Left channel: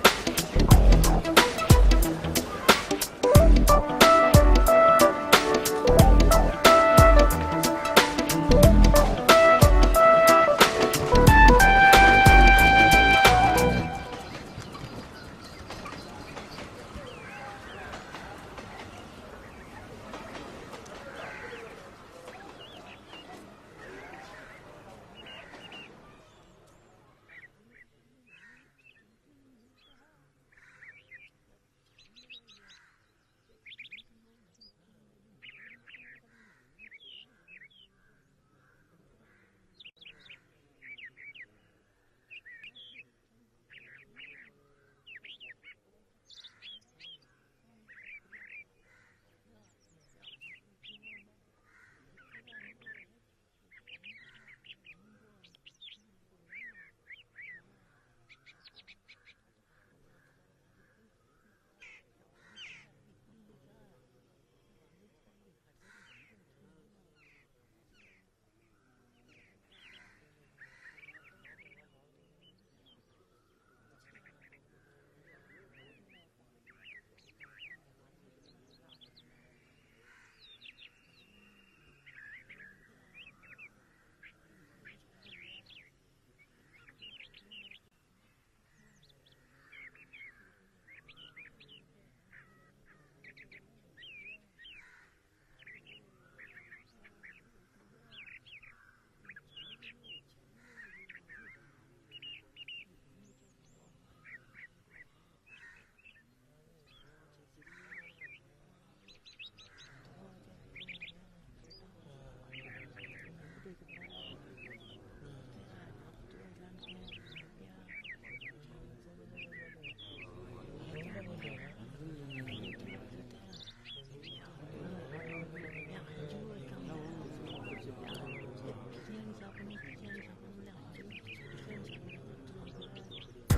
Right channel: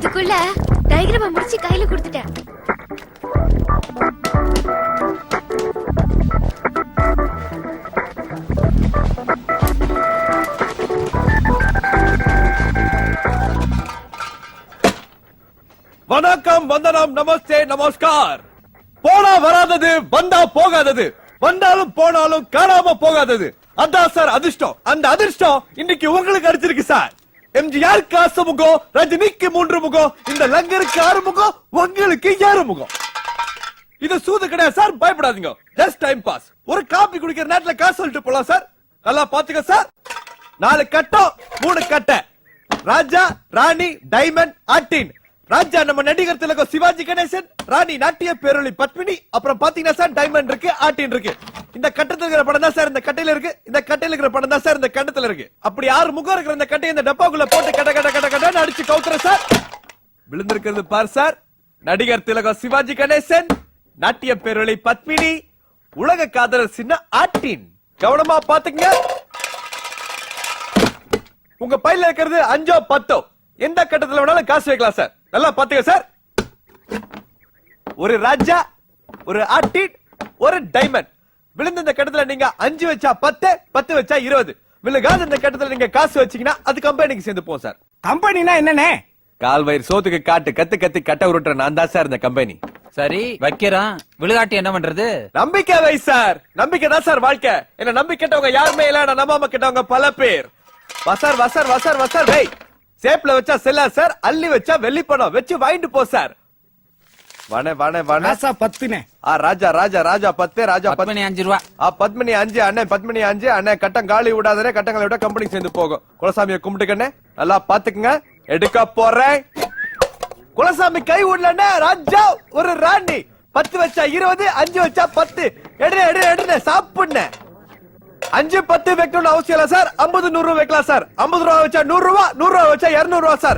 அதுக்குள்ள டயக்ராம் முடிச்சு கையில கொடுத்துட்டேன். வணக்கம், வந்தனம், நமஸ்தே, நமஸ்கார். போனா வராதது, வந்தா போகாதது, வந்தாலும் போனாலும் காணாம போகாதது. அதான் சார் அதிர்ஷ்டம். அந்த அதிர்ஷ்டம் இன்னைக்கு உங்களுக்கு அடிச்சிருக்கு சார். எம்ஜிஆர் காசு முகம், ரஜினிக்கு 3 முகம், இந்த லங்கருக்கு 6 முகம், உங்களுக்கு 7 முகம். இது சூது கிடையாது சார், பயப்படாதீங்க. Just time pass. ஒரு காபி குடிக்கிற நேரத்துல காசு சொல்லிட்டு போலாம் சார். நல்லா பாத்துக்க சார். 4 கட்டம் 3 கட்டை. ராஜா, ராணி, டைமண்ட், ஆட்டின். ராஜா நம்ம நடிகர் திலகம் சிவாஜி கணேசன், ராணி நாட்டிய பேரொளி பத்மினி, அப்புறம் பாத்தீங்கன்னா சார் டைமண்ட் இருக்கு, ஆட்டின் இருக்கு. இந்த கட்டத்துல இருக்கிற படம் தான் சார் இந்த கட்டையில இருக்கு, இந்த கட்டையில இருக்கிற படம் தான் சார் இந்த கட்டத்துல இருக்கு. அப்படி 6 முகம் இருக்கிற இந்த கட்டையை இந்த டப்பாக்குள்ள போட்டு கட கட கட கடன்னு அடிச்சு கவுத்துற சார். விழுந்திருக்கிறது பார் சார், நடிகர் திலகம் சிவாஜி கணேசன், நாட்டிய பேரொளி பத்மினி, உலக காதலர் சின்ன ஆட்டின். கவனமா பாத்துங்க. உங்க பையில இருக்கிறது 5ஓ 10ஓ, எந்த கட்டத்துல வேணாலும் காசு வைக்கலாம் சார். நல்லா பாத்துக்க சார். ஒரு ராஜா, ஒரு ஆட்டின், ஒரு டைமண்ட். விழுந்த இந்த கட்டத்துல நீங்க 5 வச்சா 10, 10 வச்சா 20. விழுகாத இந்த கட்டத்துல நீங்க காசு வச்சீங்கன்னா அது கம்பெனிக்கு சேர்ந்து போகும் சார். கம்பெனினா என்னனே? கால் வயிறு சோத்துக்கு காட்டு கத்து கத்தி கட்ட உருட்டுற நான் தான் சார் இந்த கம்பெனி. சரி வைக்கிறான், விழுகாட்டி என்ன பண்றது? நம்பிக்கை வை சார். நம்பிக்கை தான் சார் வாழ்க்கை. என்ன நம்பி கேட்டவங்க யாருமே இல்ல, நான் நம்பாம கேட்டவங்க பல பேர். வசார் வசார் வசார் வசார் வை. சேப்ல வச்சா செல்லா சார், அள்ளி வச்சா வெள்ளி பணம். வச்சு வாங்கிட்டு போ சார். வணே வணே வணே. ராசா 10னே. ராஜா ராஜா ராஜா 10, ராஜா 10 5 ரூபா. பத்மினி 5 அண்ணே, பத்மினி 5 அண்ணே. கட்டம் காலி விடாதே, கட்டங்களை விட கம்பெனிக்கு சேர்ந்து போகும். குலசாமியை கும்பிட்டுக்கண்ணே, நல்லா பாத்துக்குங்க. எடுக்க போறேன். குலசாமி கை விடலண்ணே. ராஜா ஒரு ராணி. 10 வச்சா 20, 5 வச்சா 10. எடுறே எடுறே எடுறே சாப்பிடுண்ணே. 5 10 வைக்கணும்னு அவசியம் இல்ல சார். 50 100 வைக்கலாம் சார். 50 ரூபா வச்சா 100 ரூபா, 100 ரூபா வச்சா 200 ரூபா சார்.